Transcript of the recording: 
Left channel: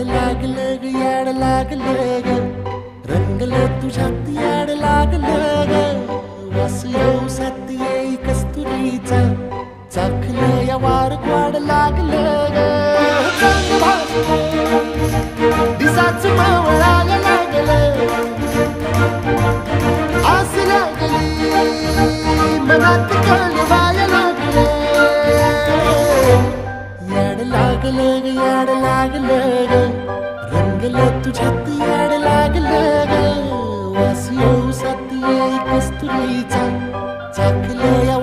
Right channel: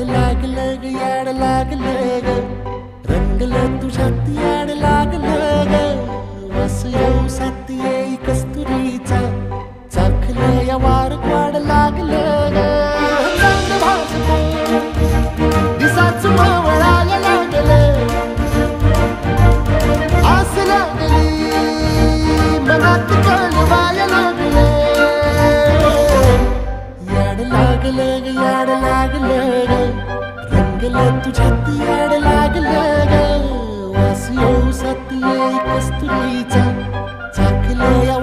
याड लागलं ग याड लागलं ग रंगलं तुझ्यात याड लागलं ग वास येऊ साथ येई कस्तुरीचा चाखलं या वार वाड लागलं ग चांद भासलं दिसाच मावळायला लागलं आस लागली मनात कळवायला लागलं याड लागलं ग याड लागलं ग रंगलं तुझ्यात याड लागलं ग वास येऊ साथ येई कस्तुरीचा चाखलं या